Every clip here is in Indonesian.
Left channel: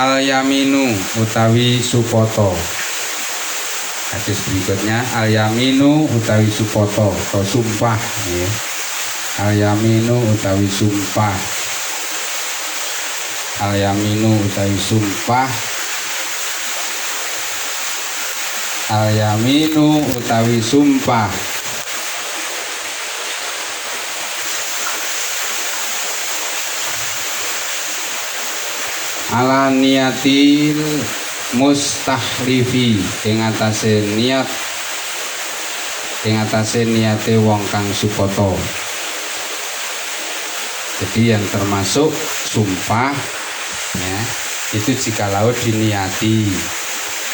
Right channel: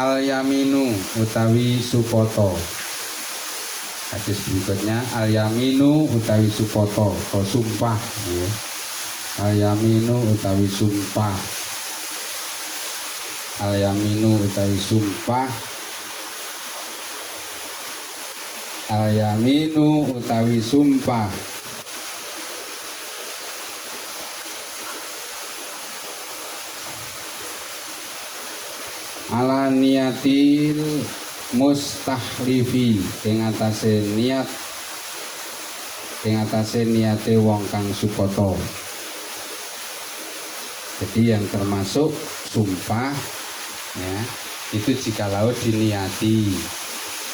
Al yaminu utawi supoto. Hadis berikutnya al yaminu utawi supoto atau sumpah ya. Al yaminu utawi sumpah. Al yaminu utawi sumpah. Al yaminu utawi sumpah. Ala niatil mustahlifi ing atase niate wong kang supoto. Jadi yang termasuk sumpah ya, itu jikalau diniati.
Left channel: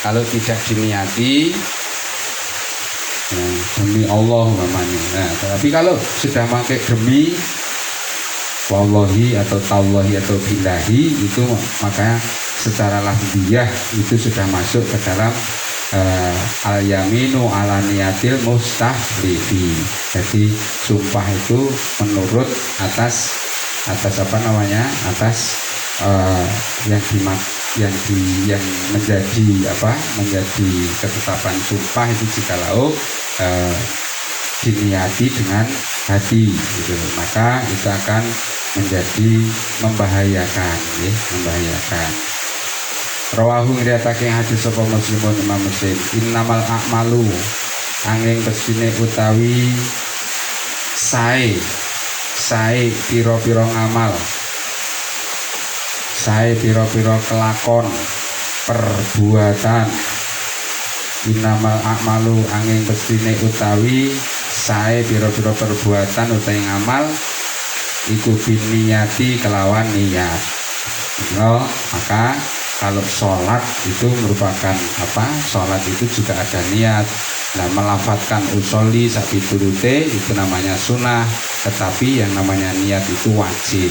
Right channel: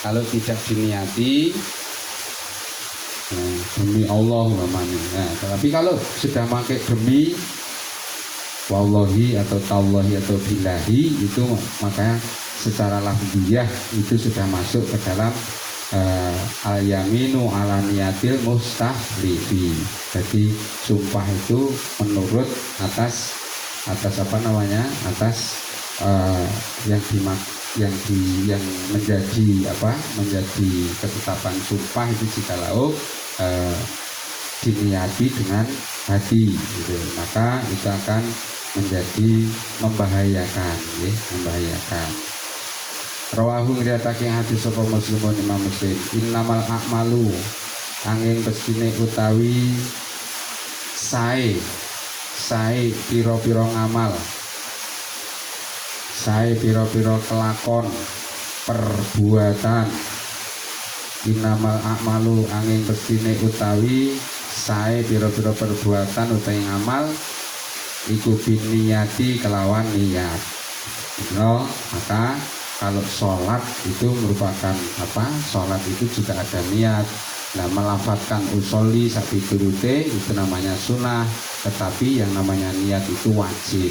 Kalau tidak diniati ya, demi Allah namanya. Nah, tapi kalau sudah pakai demi wallahi atau tallahi atau billahi, itu makanya secara lafziyah itu sudah masuk ke dalam al yaminu ala niyatil mustahlifi. Jadi sumpah itu menurut atas apa namanya, atas yang menjadi ketetapan sumpah itu jikalau diniati dengan hati gitu. Maka itu akan menjadi membahayakan ya, membahayakan. Rawahu ngriatake hadis sapa Muslimun Imam Muslim. Innamal a'malu angin pestine utawi sae pira-pira ngamal, sae pira-pira kelakon perbuatan. Innamal a'malu angin pestine utawi sae pira-pira perbuatan utawi ngamal iku biniyati kelawan niat. No, maka kalau sholat itu merupakan apa? Sholat itu juga ada niat. Nah, melafadzkan usolli sapi turute itu namanya sunnah, tetapi yang namanya niat itu wajib.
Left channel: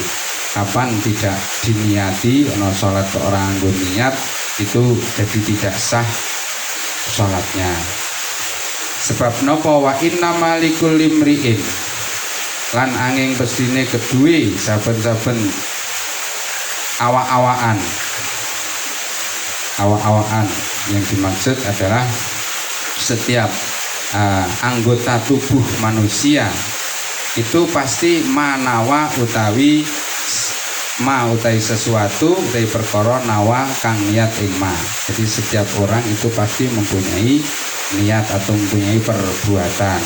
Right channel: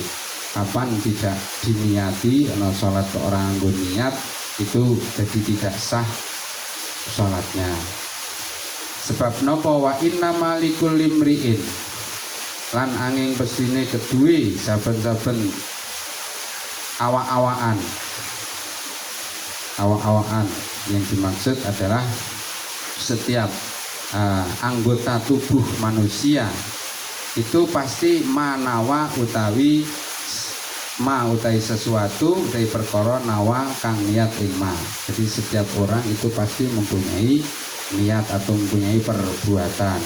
Kapan tidak diniati, no sholat orang anggun niat itu jadi tidak sah sholatnya. Sebab nopo wa inna malikul limri'in lan angin pestine kedue saben-saben awak-awakan yang dimaksud adalah setiap anggota tubuh manusia itu pasti manawa utawi sesuatu utawi perkara nawa kang niat ing ma. Jadi setiap orang itu pasti mempunyai niat atau mempunyai perbuatan.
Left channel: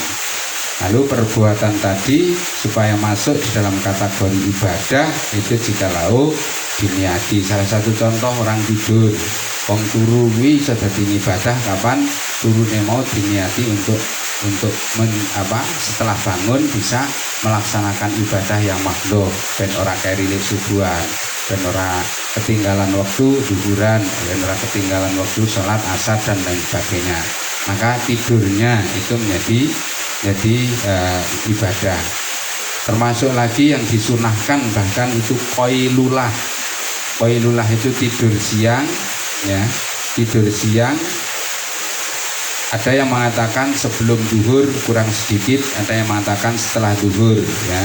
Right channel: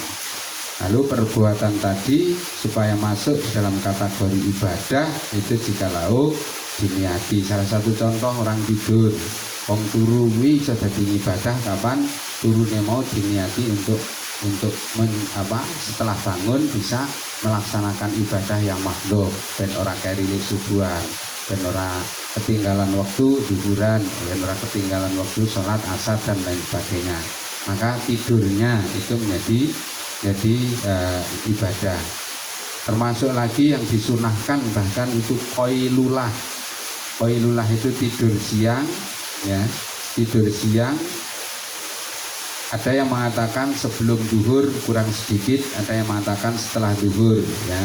Lalu perbuatan tadi supaya masuk di dalam kategori ibadah itu jikalau diniati. Salah satu contoh orang tidur, wong turu kuwi iso dadi ibadah kapan turune mau diniati untuk setelah bangun bisa melaksanakan ibadah yang makhluk, ben ora kerile subuhan, ben ora ketinggalan waktu zuhuran, ben ora ketinggalan waktu sholat asar dan lain sebagainya. Maka tidurnya itu menjadi ibadah. Termasuk lagi yang disunahkan bahkan itu qailulah. Qailulah itu tidur siang ya, tidur siang. Ada yang mengatakan sebelum zuhur kurang sedikit, ada yang mengatakan setelah zuhur ya.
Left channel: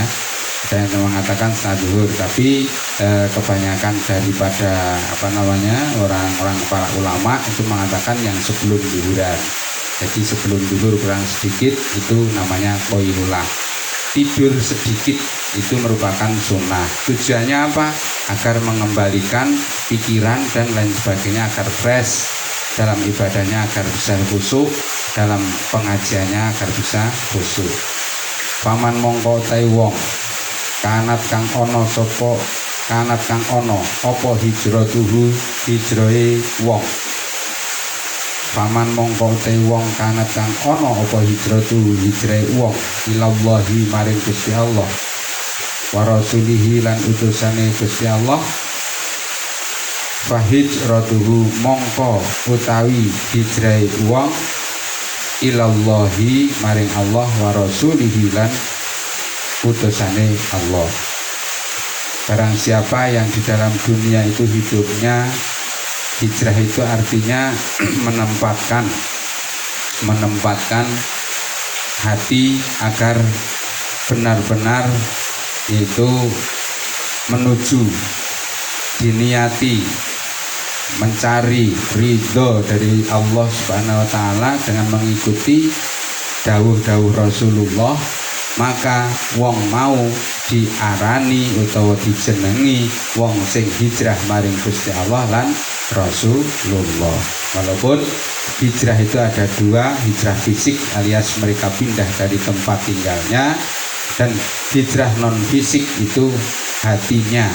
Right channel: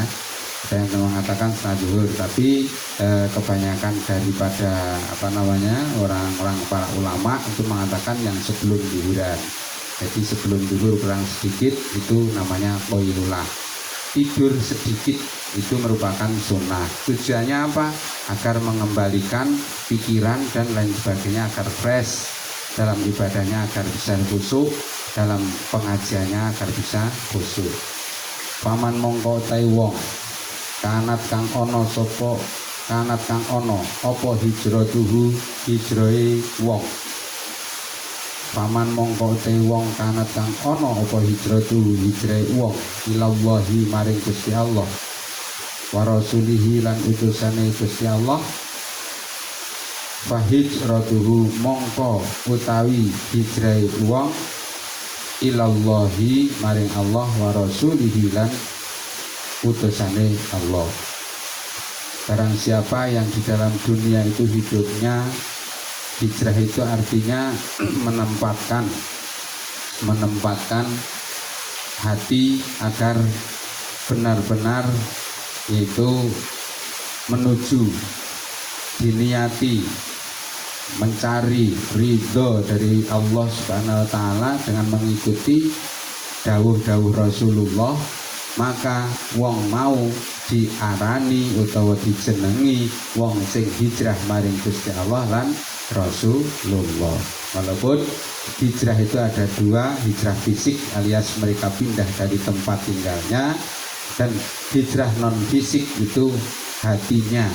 Ada yang mengatakan setelah zuhur, tapi kebanyakan daripada orang-orang para ulama itu mengatakan yang sebelum zuhuran. Jadi sebelum zuhur kurang sedikit itu namanya qailulah. Tidur sedikit itu merupakan sunnah. Tujuannya apa? Agar mengembalikan pikiran dan lain sebagainya agar fresh dalam ibadahnya, agar bisa khusyuk dalam pengajiannya, agar bisa khusyuk. Paman mongko tai wong kanat kang ono apa hijratuhu hijrahe wong. Paman mongko te wong kanat kang ono apa hijratuhu hijrahe wong ilallahi maring Gusti Allah wa rasulihi lan utusane Gusti Allah. Fahijratuhu mongko utawi hijrahe wong ilallahi maring Allah wa rasulihi lan utusane Allah. Barang siapa yang di dalam dunia itu hidupnya, hijrah itu artinya menempatkan hati agar benar-benar itu menuju diniati mencari ridho dari Allah Subhanahu wa taala dengan mengikuti dawuh-dawuh Rasulullah, maka wong mau diarani utawa dijenengi wong sing hijrah maring Gusti Allah lan Rasulullah. Walaupun hijrah itu ada dua, hijrah fisik alias mereka pindah dari tempat tinggalnya, dan hijrah non fisik itu hatinya,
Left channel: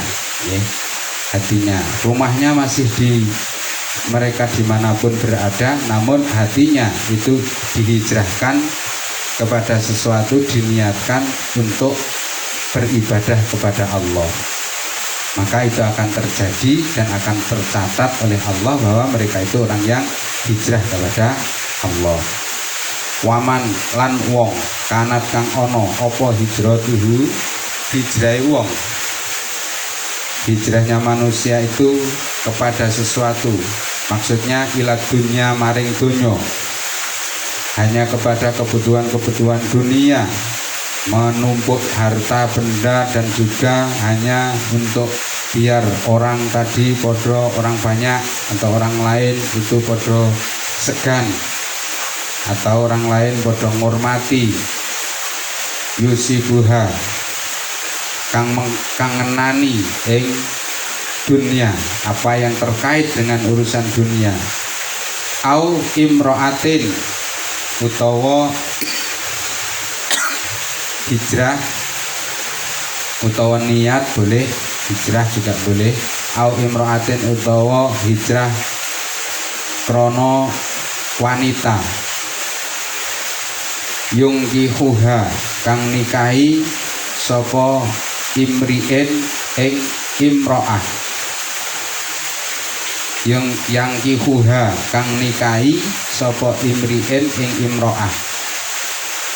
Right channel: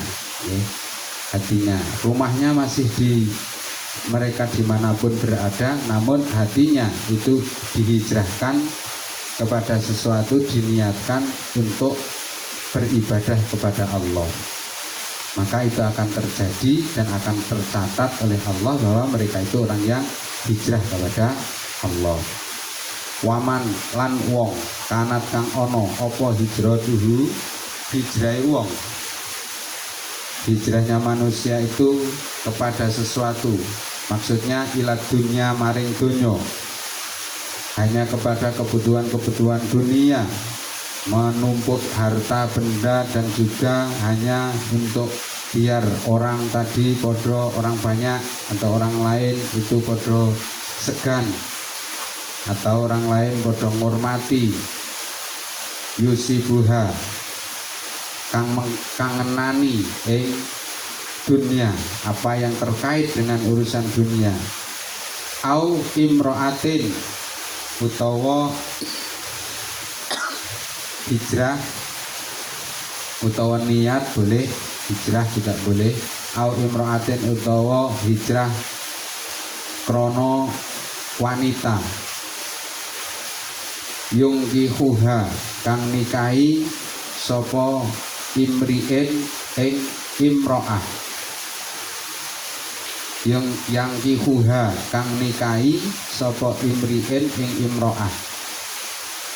ya. Hatinya, rumahnya masih di mereka dimanapun berada, namun hatinya itu dihijrahkan kepada sesuatu, diniatkan untuk beribadah kepada Allah. Maka itu akan terjadi dan akan tercatat oleh Allah bahwa mereka itu orang yang hijrah kepada Allah. Waman lan wong kanat kang ono apa hijratuhu, hijrahe wong, hijrahnya manusia itu kepada sesuatu, maksudnya ila dunya maring dunyo, hanya kepada kebutuhan-kebutuhan dunia, menumpuk harta benda, dan juga hanya untuk biar orang tadi podo, orang banyak atau orang lain itu podo segan, atau orang lain podo ngurmati, yusibuha kang ngenani ing dunia, apa yang terkait dengan urusan dunia, au imroatin utawa hijrah utawa niat boleh, hijrah juga boleh, au imroatin utawa hijrah krono wanita, yungkihuha kang nikahi sapa imri'in ing imro'ah, yang kihuha kang nikahi sapa imri'in ing imro'ah,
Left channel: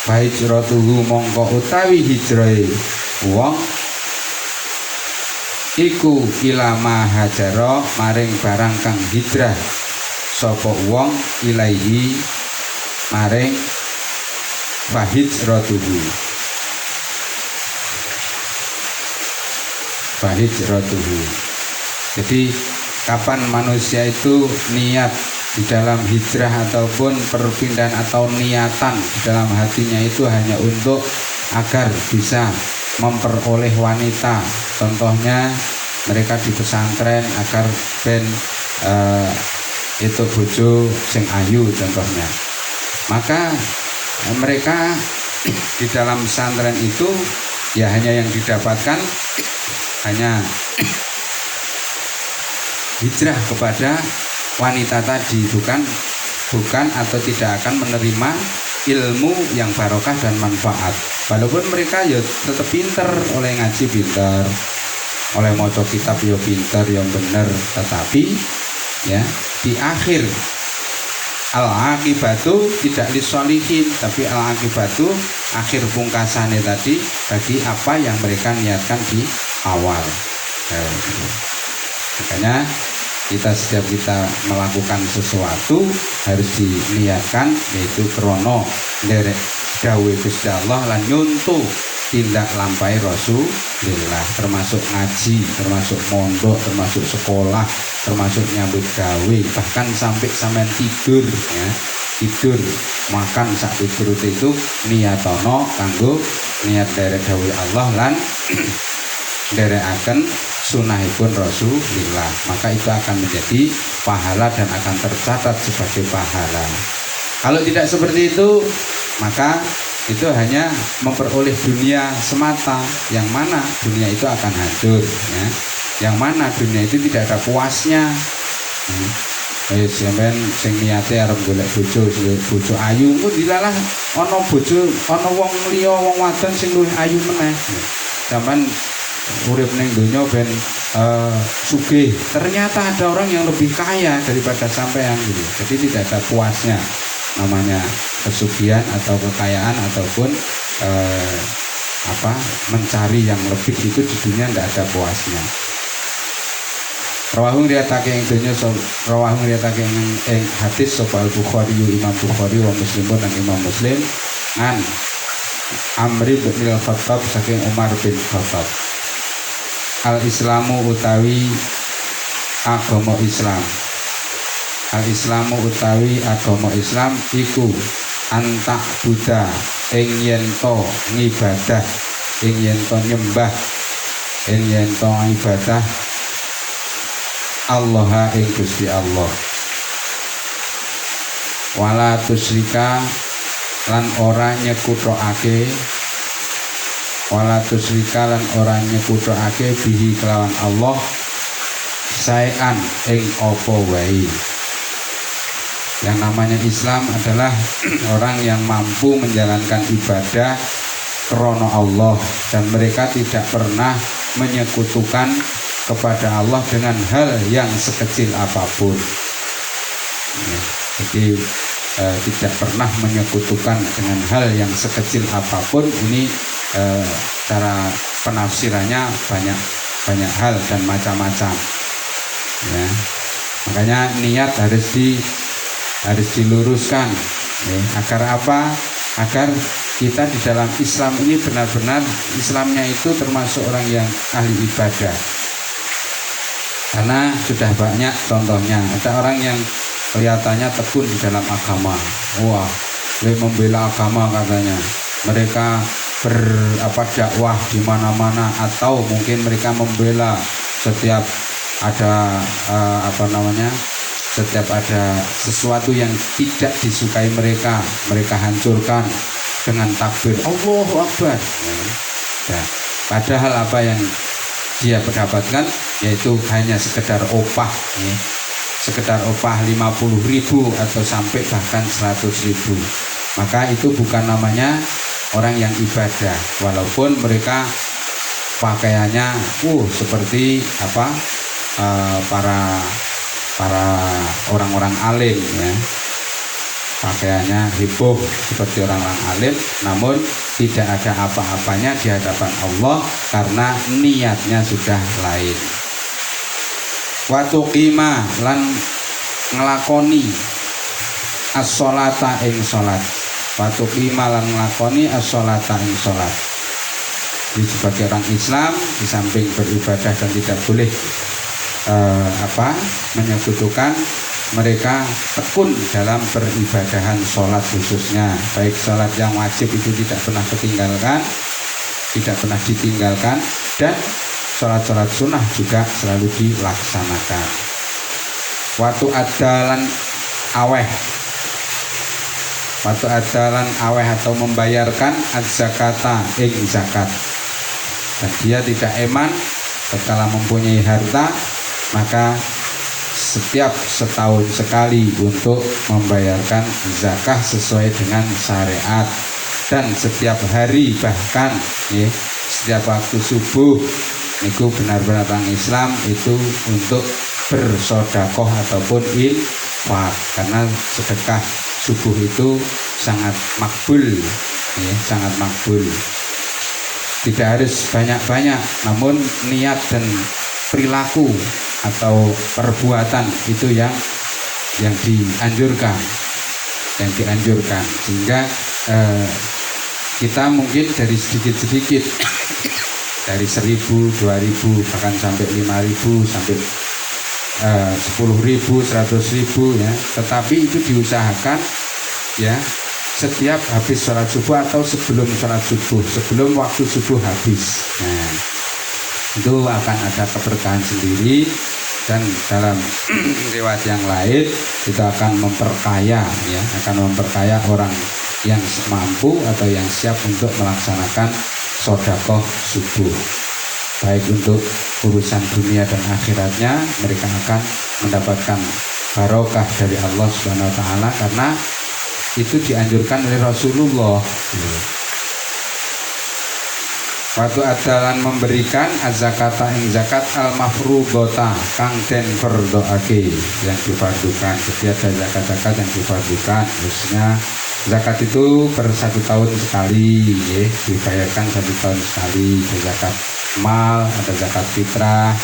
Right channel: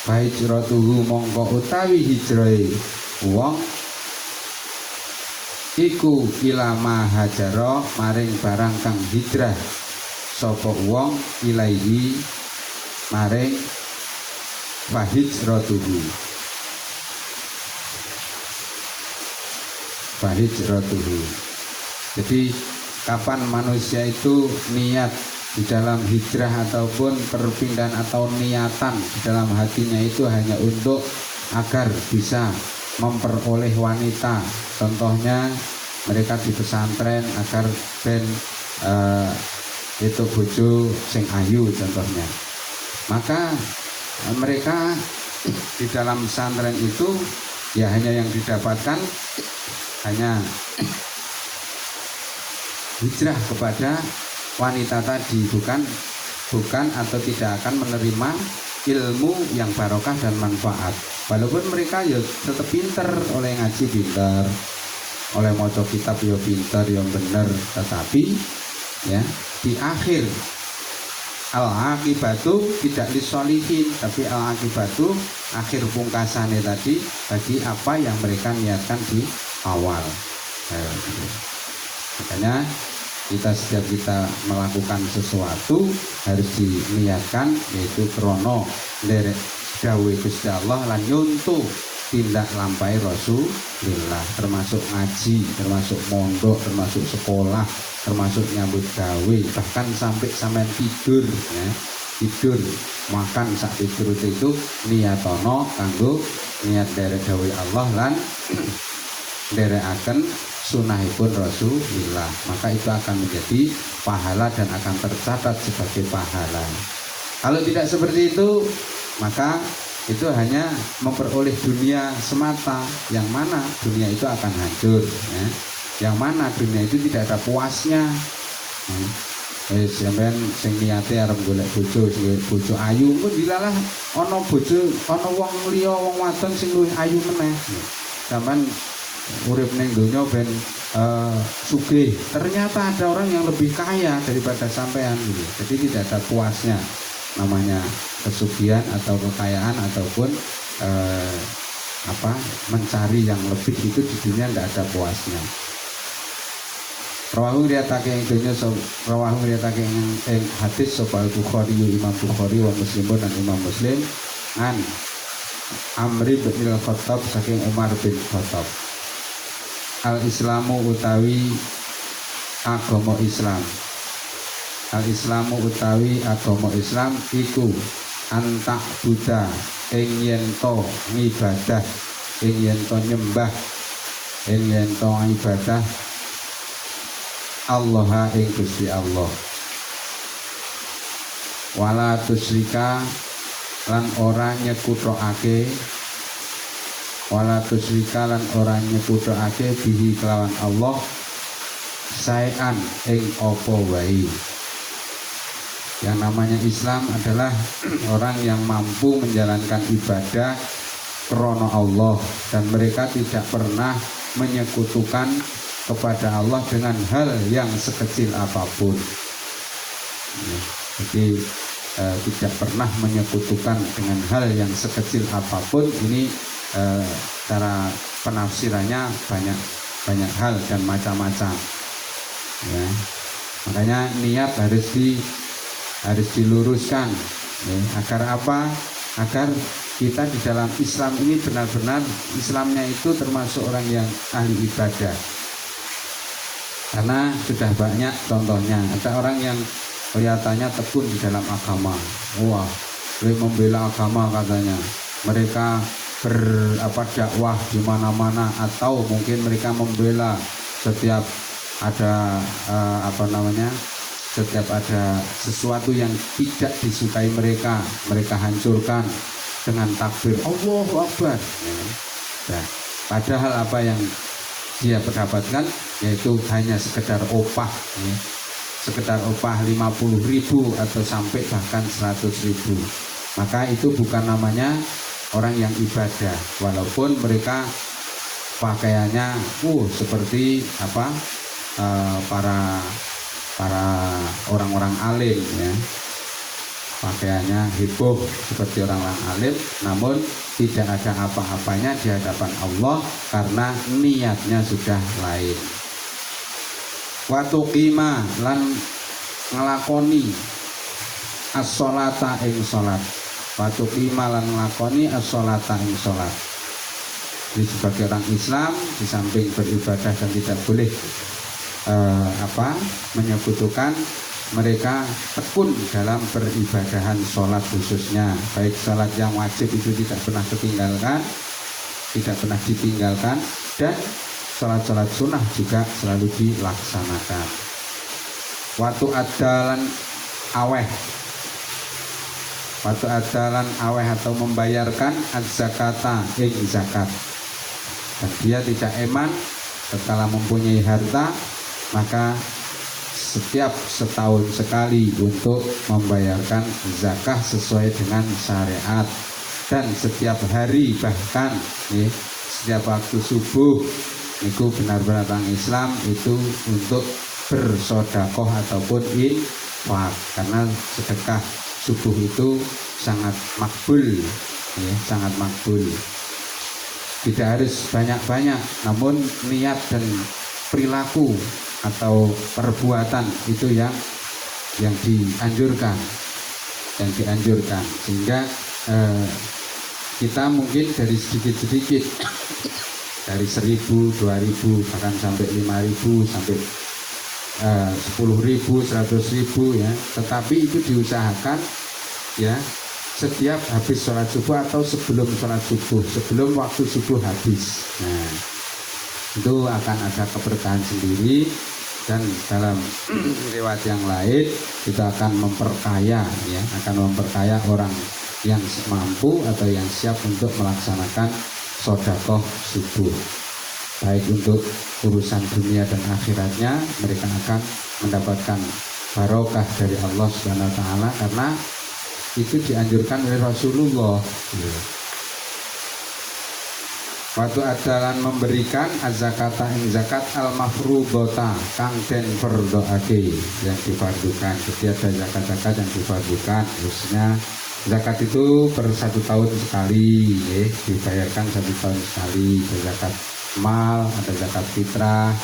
bahijratuhu mongko utawi hijrahe wong iku ilama hajaro maring barang kang hijrah sapa wong ilaihi maring bahijratuhu, bahijratuhu. Jadi kapan manusia itu niat di dalam hijrah ataupun perpindahan atau niatan di dalam hatinya itu hanya untuk agar bisa memperoleh wanita, contohnya mereka di pesantren agar ben itu bojo sing ayu contohnya, maka mereka di dalam pesantren itu ya hanya yang didapatkan hanya hijrah kepada wanita tadi, bukan atau tidak akan menerima ilmu yang barokah dan manfaat. Walaupun mereka ya tetap pinter, oleh ngaji pinter, oleh maca kitab ya pinter, yang bener, tetapi ya di akhir al-akibatu tidak lisolihin, tapi al-akibatu akhir pungkasannya tadi bagi apa yang mereka niatkan di awal. Makanya setiap kita melakukan sesuatu harus diniatkan, yaitu krono nderek dawuh Gusti Allah lan nyuntu tindak lampai Rasulullah, termasuk ngaji, termasuk mondok, termasuk sekolah, termasuk nyambut gawe, bahkan sampai sampean tidur ya, tidur makan sak tidur itu niatono kanggo niat dari dawuh Allah lan nderekaken sunahipun Rasulullah, maka itu akan menjadi pahala dan akan tercatat sebagai pahala. Kalau tidak seperti itu, maka itu hanya memperoleh dunia semata, yang mana dunia itu akan hancur ya. Yang mana dunia itu tidak ada puasnya. Sampeyan sing niate arep golek bojo ayu, kok dilalah ana bojo, ana wong liya, wong wadon sing luwih ayu meneh. Sampeyan urip ning donya ben sugih, ternyata ada orang yang lebih kaya daripada sampean gitu. Jadi tidak ada puasnya namanya kesugihan atau kekayaan ataupun mencari yang lebih itu di dunia tidak ada puasnya. Rawahung riatake ing donya, rawahung riatake ing hadis sapa Bukhari, Imam Bukhari wa Muslim dan Imam Muslim an Amri bin Al-Khattab saking Umar bin Khattab, al-Islamu utawi agama Islam. Al-Islamu utawi agama Islam iku antak Buddha ing yen to ngibadah, ing yen to nyembah, ing yen to ibadah Allah ing Gusti Allah. Wala tusyrika lan ora nyekutokake, wala tusyrika lan ora nyekutokake bihi kelawan Allah saean ing apa wae. Yang namanya Islam adalah orang yang mampu menjalankan ibadah krono Allah, dan mereka tidak pernah menyekutukan kepada Allah dengan hal yang sekecil apapun. Jadi tidak pernah menyekutukan dengan hal yang sekecil apapun. Ini cara penafsirannya banyak hal dan macam-macam. Ya. Makanya niat harus diluruskan, ya. Agar apa? Agar kita di dalam Islam ini benar-benar Islamnya itu termasuk orang yang ahli ibadah. Karena sudah banyak contohnya, ada orang yang kelihatannya tekun di dalam agama, wah, membela agama katanya. Mereka dakwah di mana-mana, atau mungkin mereka membela setiap ada setiap ada sesuatu yang tidak disukai mereka hancurkan dengan takbir Allahu Akbar. Ya. Padahal apa yang dia mendapatkan yaitu hanya sekedar opah, ya. Sekedar opah 50.000 atau sampai bahkan 100.000. Maka itu bukan namanya orang yang ibadah, walaupun mereka pakaiannya seperti para orang-orang alim, ya. Pakaiannya heboh seperti orang-orang alim, namun tidak ada apa-apanya di hadapan Allah karena niatnya sudah lain. Watu qima lan ngelakoni as-sholata ing sholat. Watu qima lan ngelakoni as-sholata ing sholat. Jadi sebagai orang Islam, di samping beribadah dan tidak boleh menyekutukan, mereka tekun dalam peribadahan sholat khususnya, baik sholat yang wajib itu tidak pernah ditinggalkan, dan sholat-sholat sunnah juga selalu dilaksanakan. Waktu adalan aweh atau membayarkan az-zakata ing zakat, dan dia tidak eman setelah mempunyai harta, maka setiap setahun sekali untuk membayarkan zakah sesuai dengan syariat, dan setiap hari, bahkan setiap waktu subuh itu benar-benar orang Islam itu untuk bersodakoh ataupun infak, karena sedekah subuh itu sangat makbul, sangat makbul. Tidak harus banyak-banyak, namun niat dan perilaku atau perbuatan itu yang dianjurkan, sehingga kita mungkin dari sedikit-sedikit, dari 1.000, 2.000, bahkan sampai 5.000, sampai 10.000, 100.000, ya. Tetapi itu diusahakan, ya, setiap habis sholat subuh atau sebelum sholat subuh, sebelum waktu subuh habis. Nah, itu akan ada keberkahan sendiri, dan dalam riwayat yang lain kita akan memperkaya, ya, orang yang mampu atau yang siap untuk melaksanakan sedekah subuh, baik untuk urusan dunia dan akhiratnya. Mereka akan mendapatkan barokah dari Allah Subhanahu wa taala, karena itu dianjurkan oleh Rasulullah. Waktu adalan memberikan az-zakata ing zakat al-mafrudhata kang den perdoake, yang difardukan. Jadi ada zakat-zakat yang difardukan, khususnya zakat itu per 1 tahun sekali, ya, dibayarkan 1 tahun sekali. Ada zakat mal, ada zakat fitrah.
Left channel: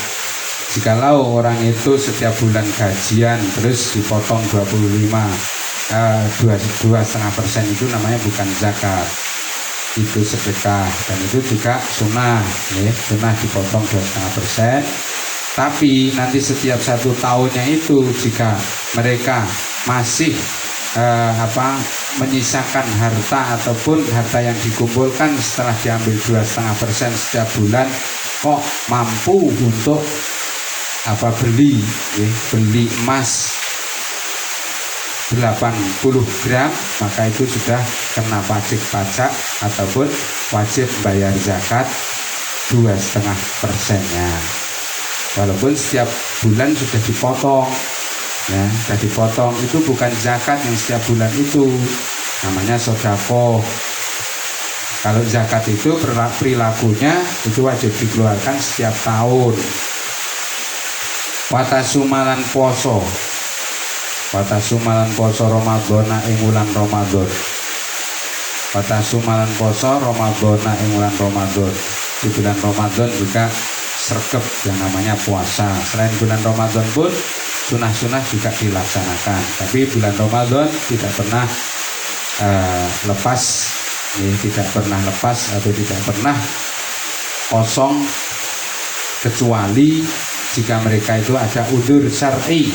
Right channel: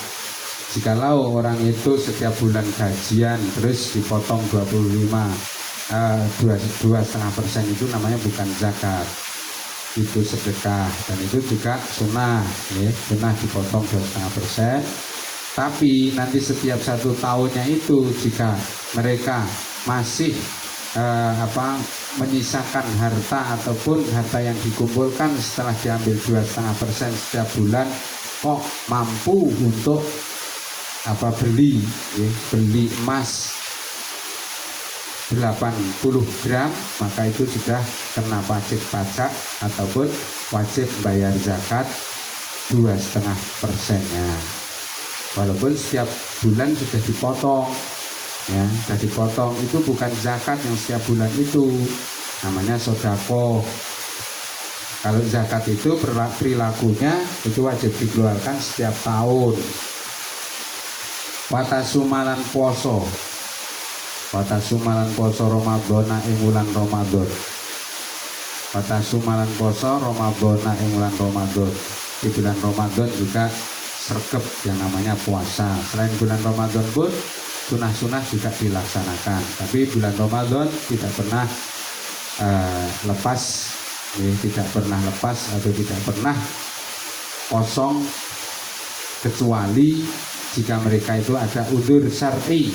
Jikalau orang itu setiap bulan gajian terus dipotong 2,5% itu namanya bukan zakat, itu sedekah, dan itu juga sunnah, ya, sunnah dipotong 2,5%. Tapi nanti setiap 1 tahunnya itu jika mereka masih menyisakan harta ataupun harta yang dikumpulkan setelah diambil 2,5% setiap bulan kok mampu untuk beli emas 80 gram, maka itu sudah kena pajak ataupun wajib bayar zakat 2,5%-nya. Walaupun setiap bulan sudah dipotong, ya, sudah dipotong, itu bukan zakat yang setiap bulan itu, namanya sodako. Kalau zakat itu perilakunya itu wajib dikeluarkan setiap tahun. Watasumalan poso Ramadhana ing wulan Ramadan. Watasumalan poso Ramadhana ing wulan Ramadan. Di bulan Ramadan juga sregep yang namanya puasa. Selain bulan Ramadan pun sunah-sunah juga dilaksanakan. Tapi bulan Ramadan tidak pernah lepas, tidak pernah lepas atau tidak pernah kosong kecuali jika mereka itu ada udzur syar'i.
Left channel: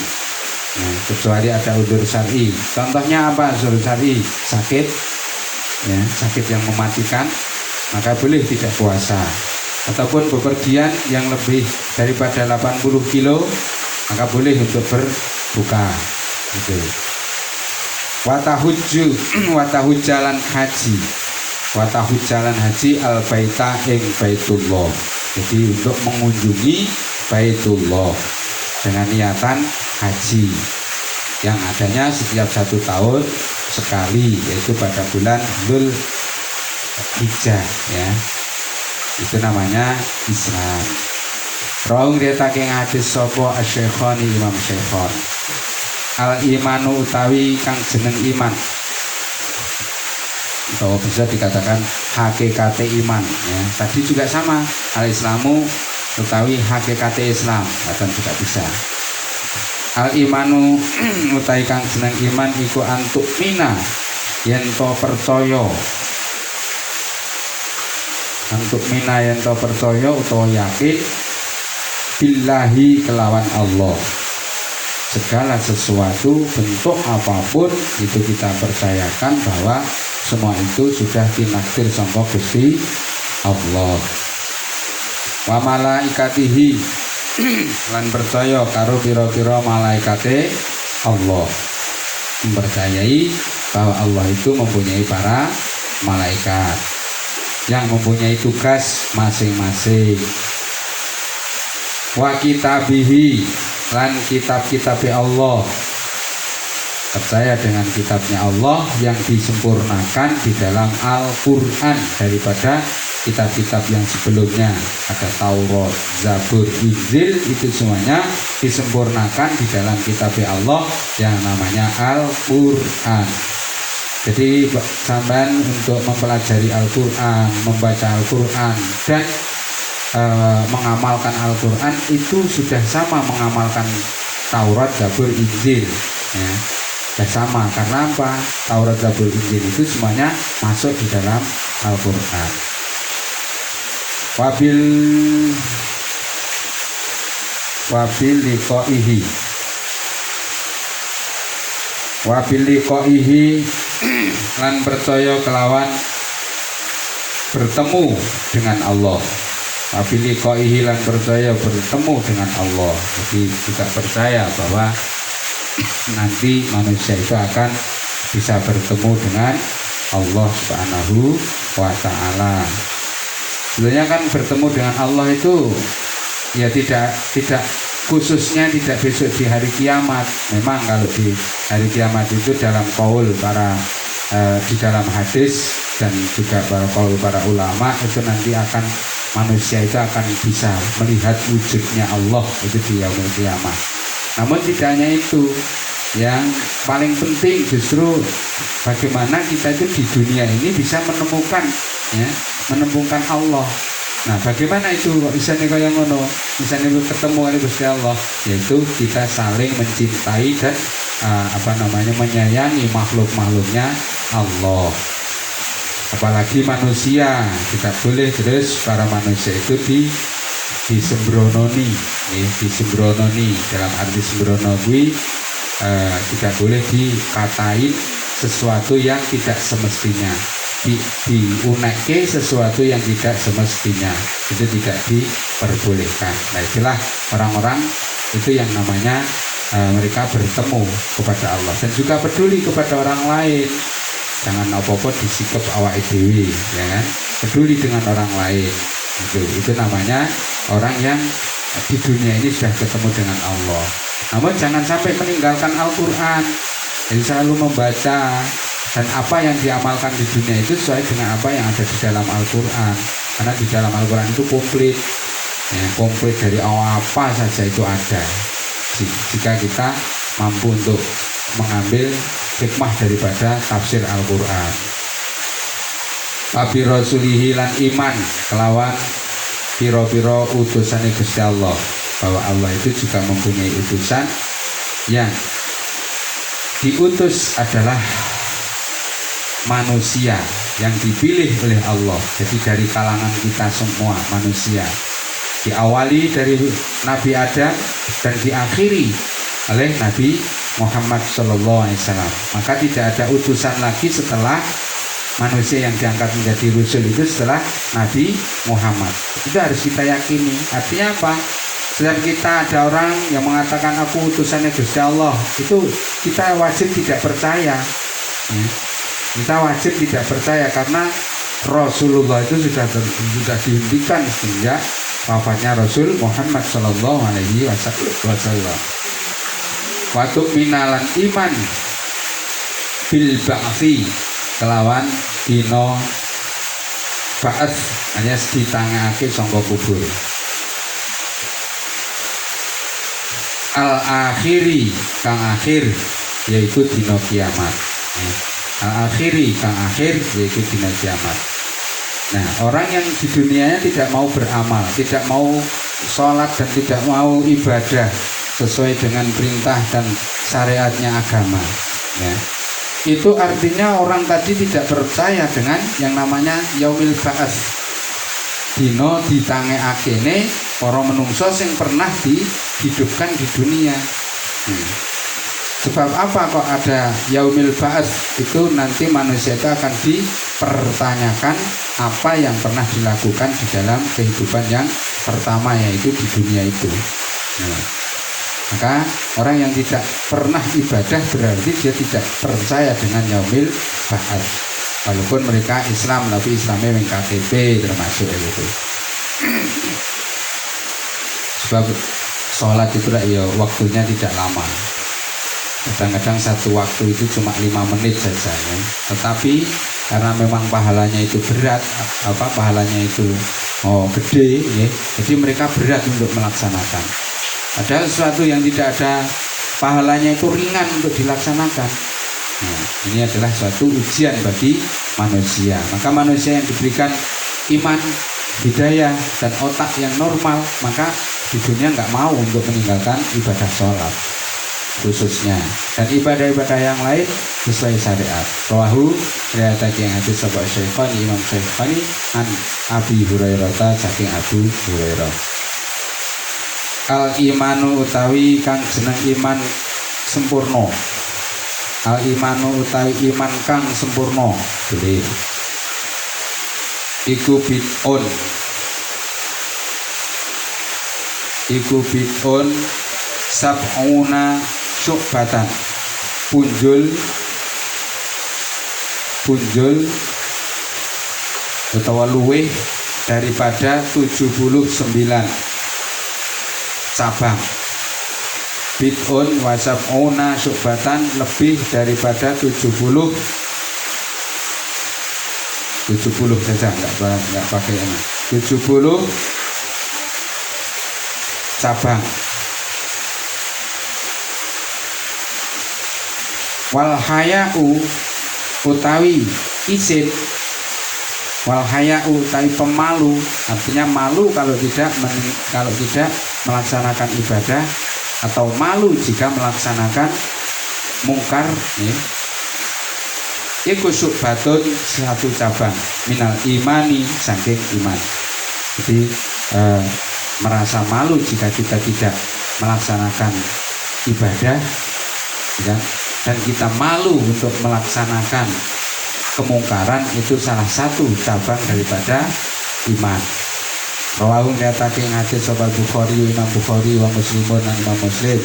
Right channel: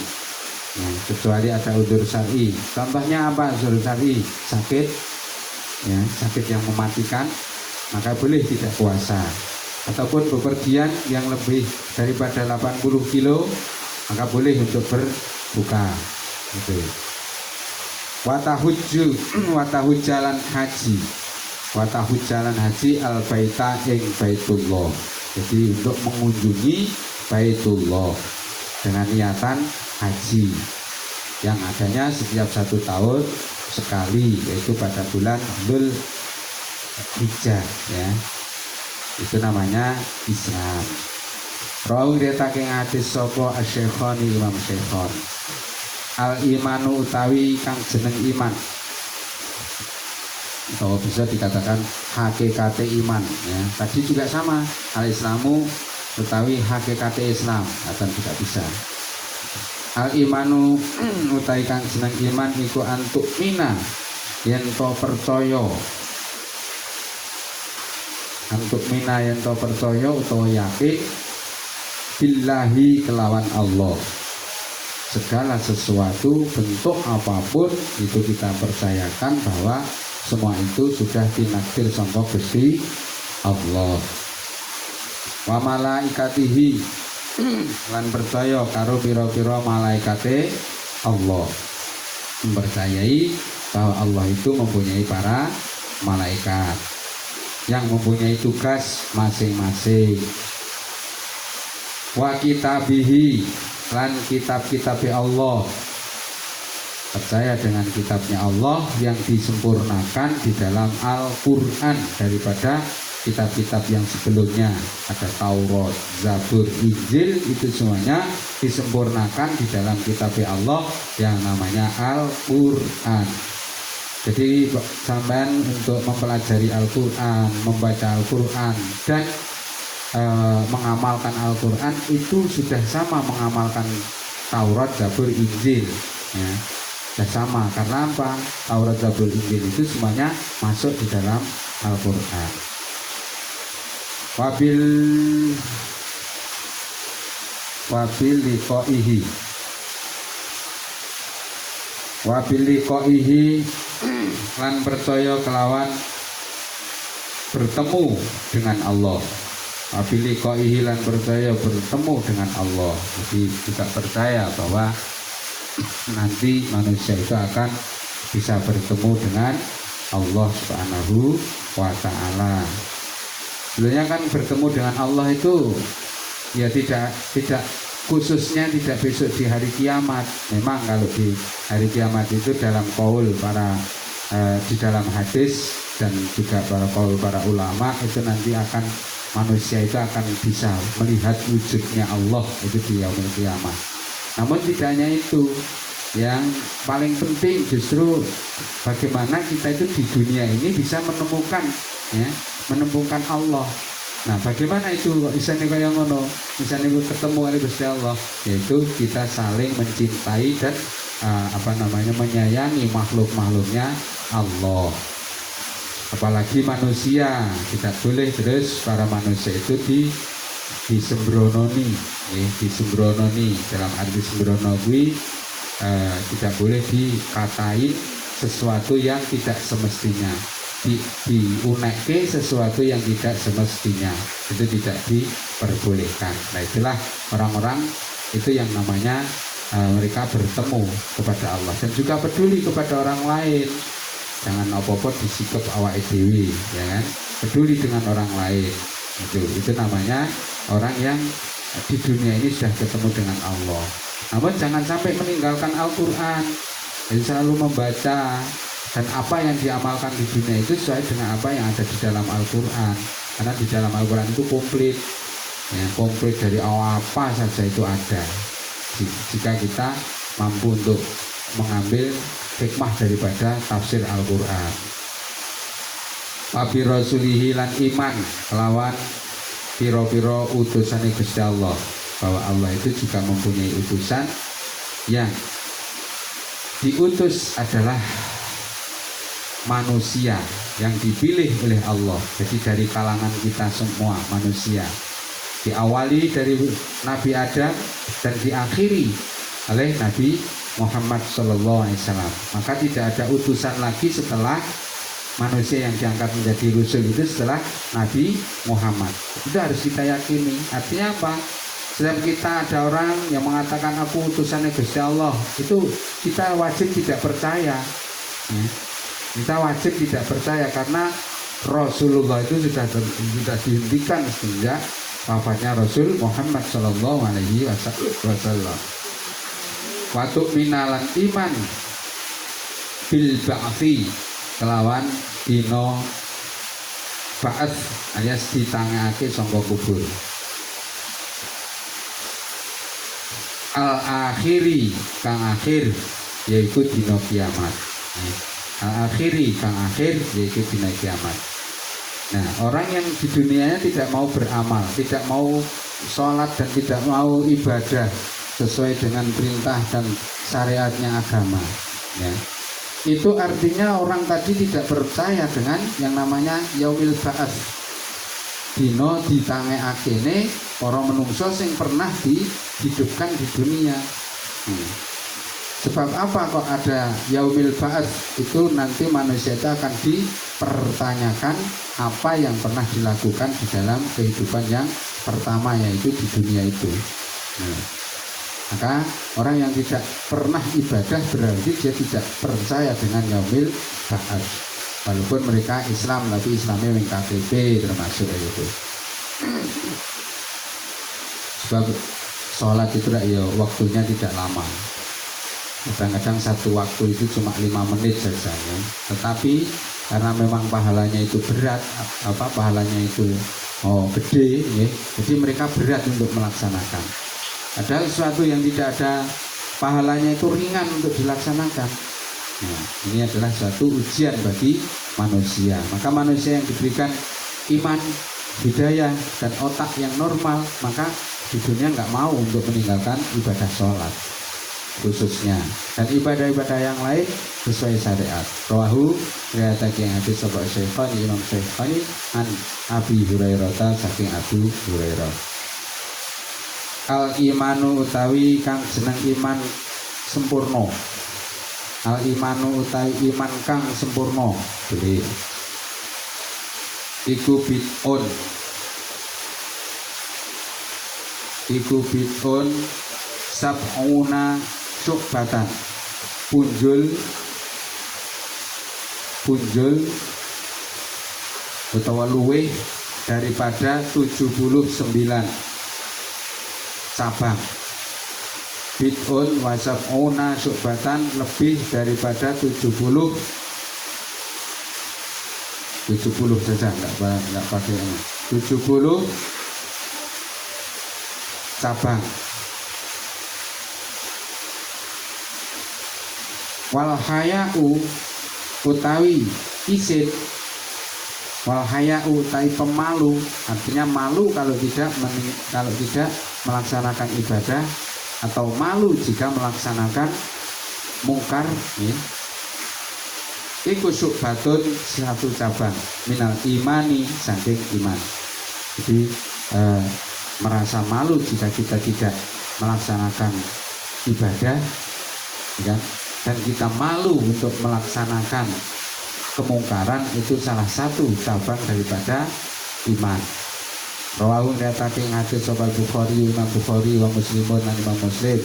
Kecuali ada udzur syar'i. Contohnya apa udzur syar'i? Sakit, ya, sakit yang mematikan, maka boleh tidak puasa. Ataupun bepergian yang lebih daripada 80 kilo, maka boleh untuk berbuka. Gitu. Watahujjalan haji al-baita ing baitullah. Jadi untuk mengunjungi baitullah dengan niatan haji yang adanya setiap 1 tahun sekali, yaitu pada bulan Dzulhijjah, ya. Itu namanya Islam. Rawi riwayatake hadis sapa Asy-Syekhani Imam Syekhon. Al imanu utawi kang jeneng iman, atau bisa dikatakan hakikate iman, ya. Tadi juga sama, al islamu utawi hakikate Islam, akan juga bisa. Al imanu utawi kang jeneng iman iku antuk mina yen to percaya. Antuk mina yen to percaya utawa yakin billahi kelawan Allah. Segala sesuatu bentuk apapun itu kita percayakan bahwa semua itu sudah tinakdir sangka Gusti Allah. Wa malaikatihi lan percaya karo pira-pira malaikate Allah. Mempercayai bahwa Allah itu mempunyai para malaikat yang mempunyai tugas masing-masing. Wa kitabihi lan kitab-kitabnya Allah. Percaya dengan kitabnya Allah yang disempurnakan di dalam Al-Quran daripada kitab-kitab yang sebelumnya. Ada Taurat, Zabur, Injil, itu semuanya disempurnakan di dalam kitabnya Allah yang namanya Al-Quran. Jadi sampean untuk mempelajari Al-Quran, membaca Al-Quran dan mengamalkan Al-Quran itu sudah sama mengamalkan Taurat, Zabur, Injil, ya. Sama, karena apa? Taurat, Zabur, Injil itu semuanya masuk di dalam Al-Quran. Wabil liqaihi lan percaya kelawan bertemu dengan Allah. Wabil liqaihi lan percaya bertemu dengan Allah. Jadi juga percaya bahwa nanti manusia itu akan bisa bertemu dengan Allah Subhanahu wa ta'ala. Sebenarnya kan bertemu dengan Allah itu ya tidak khususnya tidak besok di hari kiamat. Memang kalau di hari kiamat itu dalam qaul para di dalam hadis dan juga para qaul para ulama itu nanti akan manusia itu akan bisa melihat wujudnya Allah itu di yaumul kiamat. Namun tidak hanya itu, yang paling penting justru bagaimana kita itu di dunia ini bisa menemukan Allah. Nah, bagaimana itu bisa nih kaya ngono, bisa nih ketemu oleh Gusti Allah, yaitu kita saling mencintai dan menyayangi makhluk-makhluknya Allah. Apalagi manusia, tidak boleh terus para manusia itu disembrononi, disembrononi dalam arti sembrono kuwi tidak boleh dikatain sesuatu yang tidak semestinya, diunekke sesuatu yang tidak semestinya, itu tidak diperbolehkan. Nah itulah orang-orang itu yang namanya mereka bertemu kepada Allah dan juga peduli kepada orang lain. Jangan apa-apa disikap awake dhewe, ya kan? Peduli dengan orang lain. Itu namanya orang yang di dunia ini sudah ketemu dengan Allah. Namun jangan sampai meninggalkan Al-Quran. Jadi selalu membaca, dan apa yang diamalkan di dunia itu sesuai dengan apa yang ada di dalam Al-Quran. Karena di dalam Al-Quran itu komplit, ya, komplit dari apa saja itu ada. Jika kita mampu untuk mengambil hikmah daripada tafsir Al-Quran. Wabi rasulihi lan iman kelawan piro-piro utusane Gusti Allah, bahwa Allah itu juga mempunyai utusan yang diutus adalah manusia yang dipilih oleh Allah. Jadi dari kalangan kita semua manusia, diawali dari Nabi Adam dan diakhiri oleh Nabi Muhammad SAW. Maka tidak ada utusan lagi setelah manusia yang diangkat menjadi rasul itu setelah Nabi Muhammad. Itu harus kita yakini. Artinya apa? Setiap kita ada orang yang mengatakan aku utusannya Gusti Allah, itu kita wajib tidak percaya. Kita wajib tidak percaya karena Rasulullah itu sudah dihentikan sejak wafatnya Rasul Muhammad SAW. Waktu minalan iman bil ba'fi kelawan dino ba'ats hanya ditangake sangka kubur. Al-akhiri kang akhir yaitu dino kiamat. Al-akhiri kang akhir yaitu dino kiamat. Nah, orang yang di dunianya tidak mau beramal, tidak mau sholat dan tidak mau ibadah sesuai dengan perintah dan syariatnya agama, ya, itu artinya orang tadi tidak percaya dengan yang namanya yaumil ba'ats, dino ditangekakene para menungso sing pernah dihidupkan di dunia. Sebab apa kok ada yaumil ba'ats? Itu nanti manusia itu akan dipertanyakan apa yang pernah dilakukan di dalam kehidupan yang pertama, yaitu di dunia itu. Maka orang yang tidak pernah ibadah berarti dia tidak percaya dengan yaumil ba'ats. Walaupun mereka Islam, tapi Islamnya yang KTP termasuk itu. Sebab sholat itu ya waktunya tidak lama. Kadang-kadang satu waktu itu cuma 5 menit saja, ya. Tetapi karena memang pahalanya itu berat, pahalanya itu gede, ya, jadi mereka berat untuk melaksanakan. Ada sesuatu yang tidak ada pahalanya itu ringan untuk dilaksanakan. Nah, ini adalah suatu ujian bagi manusia. Maka manusia yang diberikan iman, hidayah, dan otak yang normal, maka di dunia nggak mau untuk meninggalkan ibadah sholat khususnya, dan ibadah-ibadah yang lain sesuai syariat. Rawahu riwayatake yang hadis sapa Syekhani Imam Syekhani an Abi Hurairah saking Abu Hurairah. Al imanu utawi kang jeneng iman sempurna. Al imanu utawi iman kang sempurna. Jadi iku bid'un. Iku bid'un sab'una syu'batan. Punjul utawa luweh daripada 79 cabang. Bid'un wa sab'una syu'batan, lebih daripada 70 saja, enggak pakai ini. 70 cabang. Wal haya'u utawi isin, wal haya'u utawi pemalu, artinya malu kalau tidak melaksanakan ibadah, atau malu jika melaksanakan mungkar, ya. Iku syu'batun, satu cabang minal imani, saking iman. Jadi merasa malu jika kita tidak melaksanakan ibadah, ya, dan kita malu untuk melaksanakan kemungkaran, itu salah satu cabang daripada iman. Rawahu nyatake hadis sahih Bukhari, Imam Bukhari wa Muslimun dan Imam Muslim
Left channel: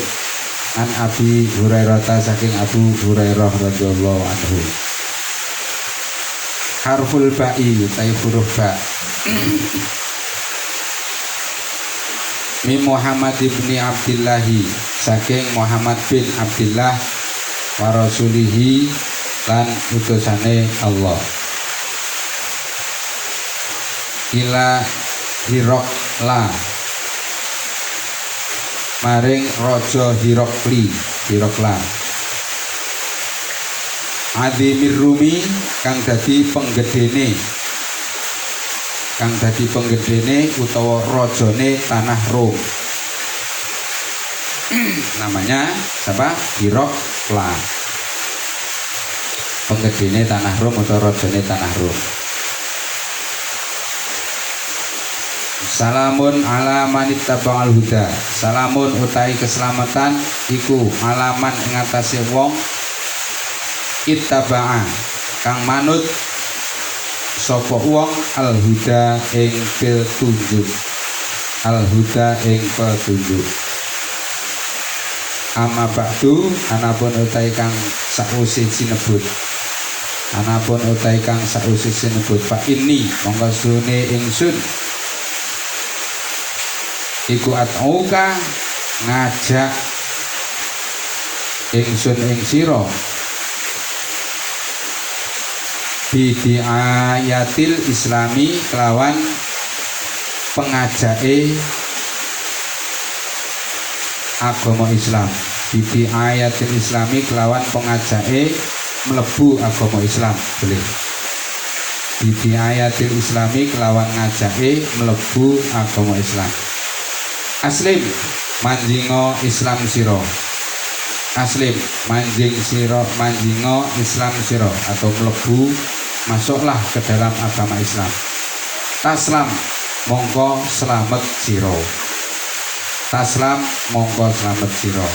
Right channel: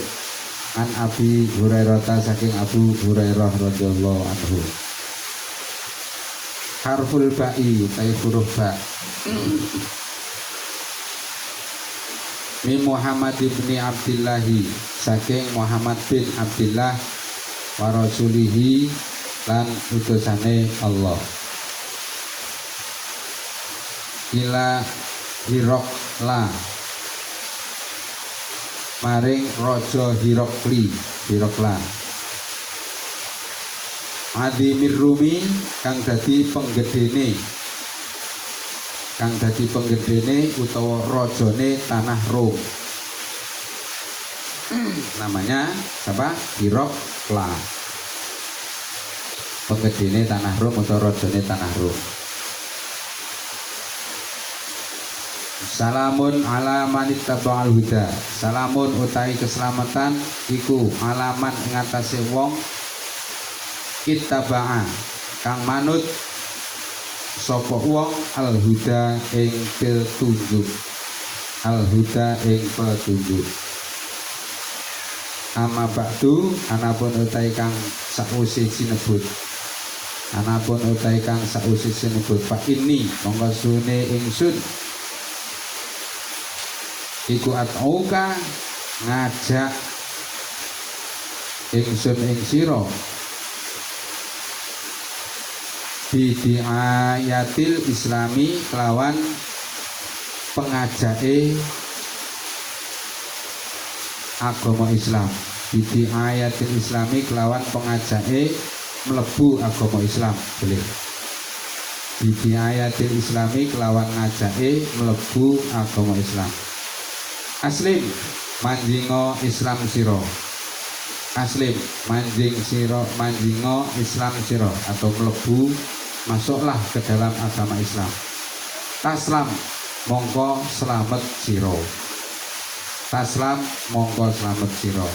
an Abi Hurairah saking Abu Hurairah radhiyallahu anhu. Harful ba'i utai huruf ba. Min Muhammad ibni Abdillahi saking Muhammad bin Abdillah wa rasulihi lan utusane Allah. Ila Hirokla maring Raja Hirokla Adimir Rumi kang dadi penggedene utawa rajane tanah Rom. Namanya siapa? Hirokla, penggedene tanah Rom atau rajane tanah Rom. Salamun ala manittaba'al huda. Salamun utai keselamatan iku alaman ing atase wong ittaba'a kang manut sapa wong al huda ing petunjuk. Al huda ing petunjuk. Amma ba'du anapun utai kang sakwise sinebut. Anapun utai kang sakwise sinebut fa inni monggo sune ingsun iku at'uka ngajak ingsun ing sira bidiayatil islami kelawan pengajake agama Islam. Bidiayatil islami kelawan pengajake mlebu agama Islam. Boleh. Bidiayatil islami kelawan ngajake mlebu agama Islam. Aslim manjingo Islam siro. Aslim manjingo Islam siro atau mlebu masuklah ke dalam agama Islam. Taslam mongko selamat siro. Taslam mongko selamat siro.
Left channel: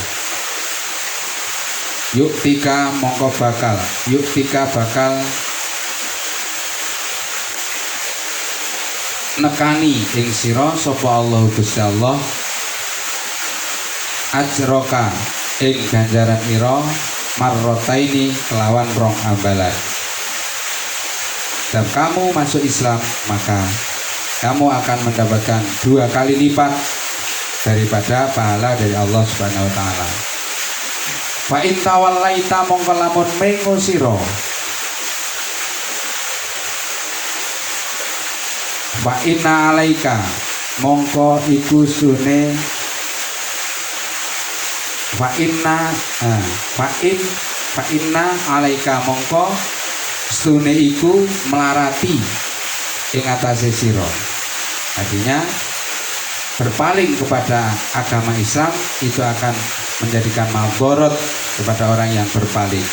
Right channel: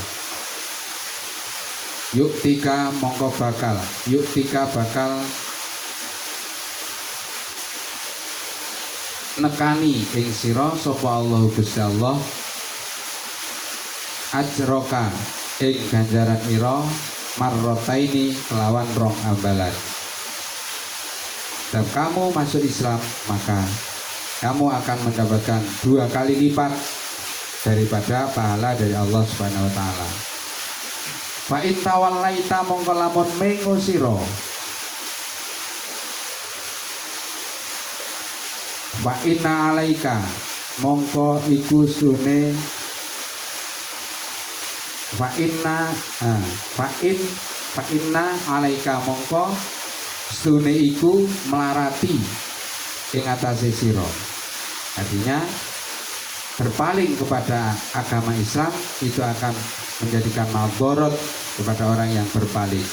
Yuktika mongko bakal. Yuktika bakal nekani ing sira sapa Allah Gusti Allah ajroka ing ganjaran ira marrotaini kelawan rong ambalan. Dan kamu masuk Islam maka kamu akan mendapatkan 2 kali lipat daripada pahala dari Allah Subhanahu wa taala. Fa in tawallaita mongko lamun mengo sira wa inna alaika mongko iku sune fa inna alaika mongko sune iku melarati ing atase sira. Artinya berpaling kepada agama Islam itu akan menjadikan madharat kepada orang yang berpaling.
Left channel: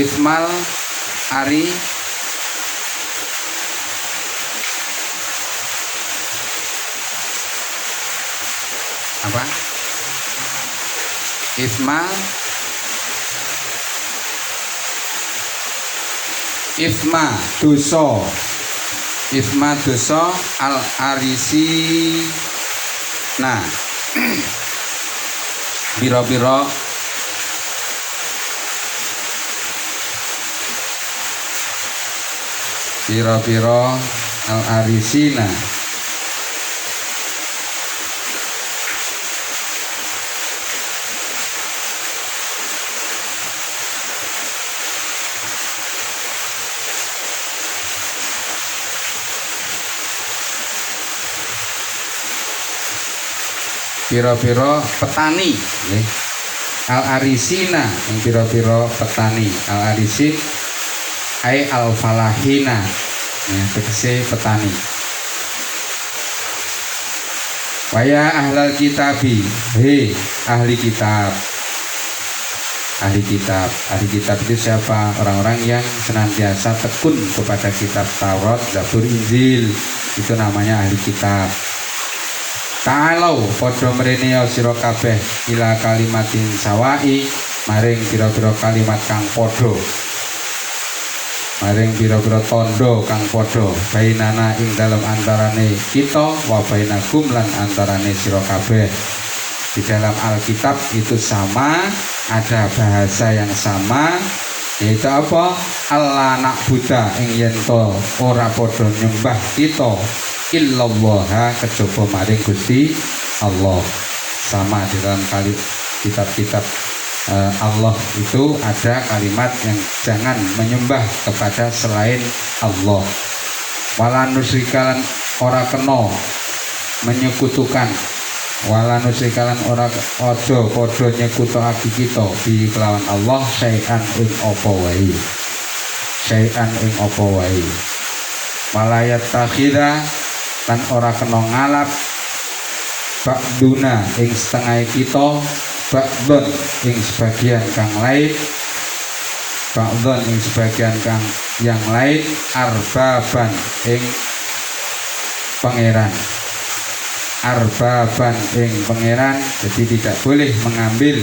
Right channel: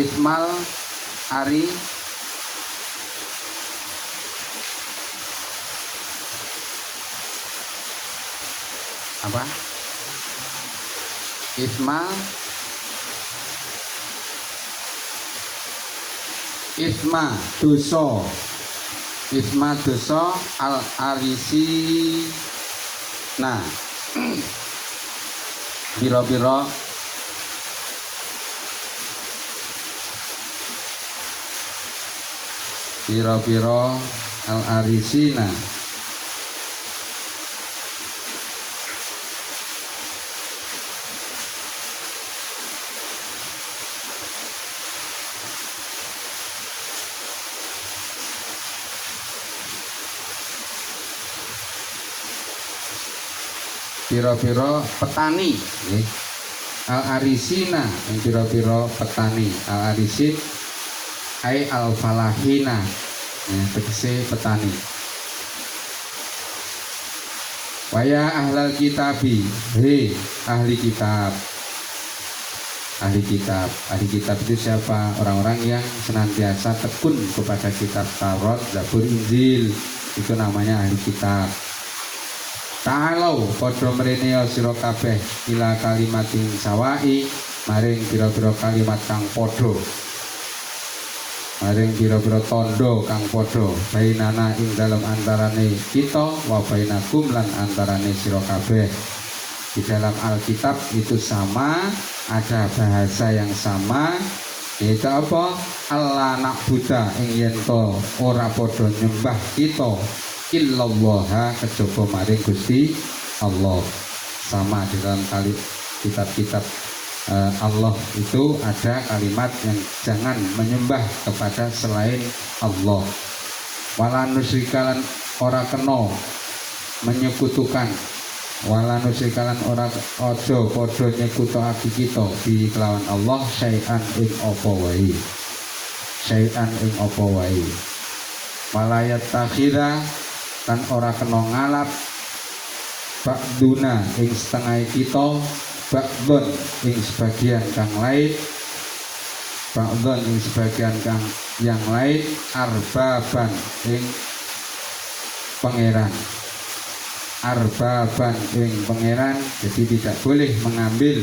Ismal ari apa? Isma dosa al arisi nah biro-biro al arisina piro-piro petani nih. Al-arisina yang piro-piro petani. Al-arisin ay al-falahina ya, tegese petani. Waya ahlal kitabi, hei ahli kitab. ahli kitab. Ahli kitab itu siapa? Orang-orang yang senantiasa tekun kepada kitab Taurat, Zabur, Injil. Itu namanya ahli kitab. Ta'alau padha mrene sira kabeh ila kalimatin sawai maring pira-pira kalimat kang padha. Maring pira-pira tondo kang padha bainana ing dalam antarane kita wa bainakum lan antarane sira kabeh. Di dalam Alkitab itu sama, ada bahasa yang sama, yaitu apa? Allah nak buta ing yen to ora padha nyembah kita illallah kejaba maring Gusti Allah. Sama di dalam kitab-kitab Allah itu ada kalimat yang jangan menyembah kepada selain Allah. Wala nusrikalan ora kena menyekutukan, wala nusrikalan ora aja padha nyekutukake kita bi kelawan Allah syai'an ing apa wae. Syai'an ing apa wae. Walayat takhira lan ora kena ngalap ba'duna ing setengah kita ba'dun ing sebagian kang lain, ba'dun ing sebagian kang yang lain arbaban ing pangeran, arbaban ing pangeran. Jadi tidak boleh mengambil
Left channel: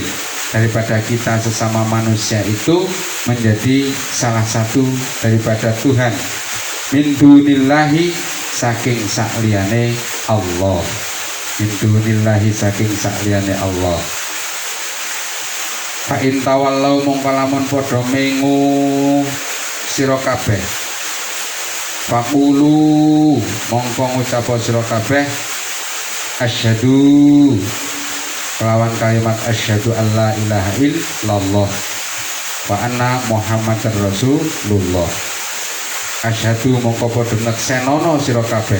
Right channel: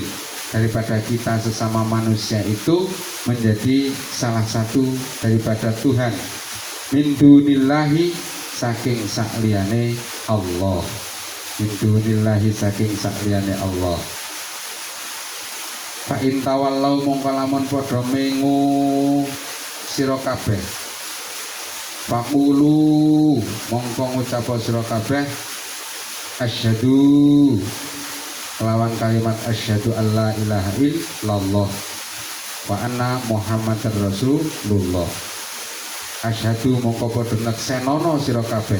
daripada kita sesama manusia itu menjadi salah satu daripada Tuhan, min dunillahi saking sakliyane Allah, min dunillahi saking sakliyane Allah. Fa in tawallau mongko lamun padha mengu sira kabeh, faqulu mongko ngucap sira kabeh asyhadu kelawan kalimat asyhadu alla ilaha illallah wa anna muhammadar rasulullah. Asyhadu mongko padha neksenono sira kabeh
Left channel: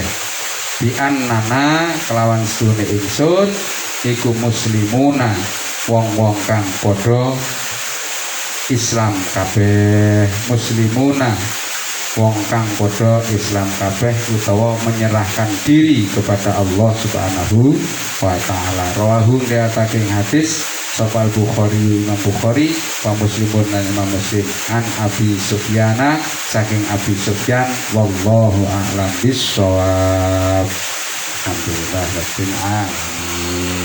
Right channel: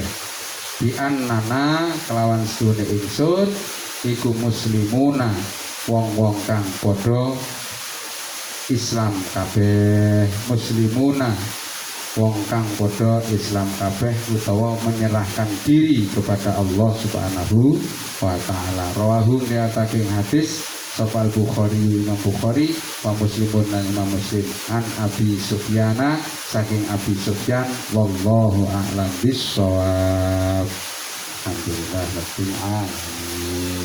bi annana kelawan sedune ingsun iku muslimuna wong-wong kang padha Islam kabeh, muslimuna wong kang padha Islam kabeh utawa menyerahkan diri kepada Allah Subhanahu wa taala. Rawahu riwayatake hadis sapa Bukhari, Imam Bukhari, wa Muslimun lan Imam Muslim an Abi Sufyana saking Abi Sufyan wallahu a'lam bissawab. Alhamdulillah rabbil alamin.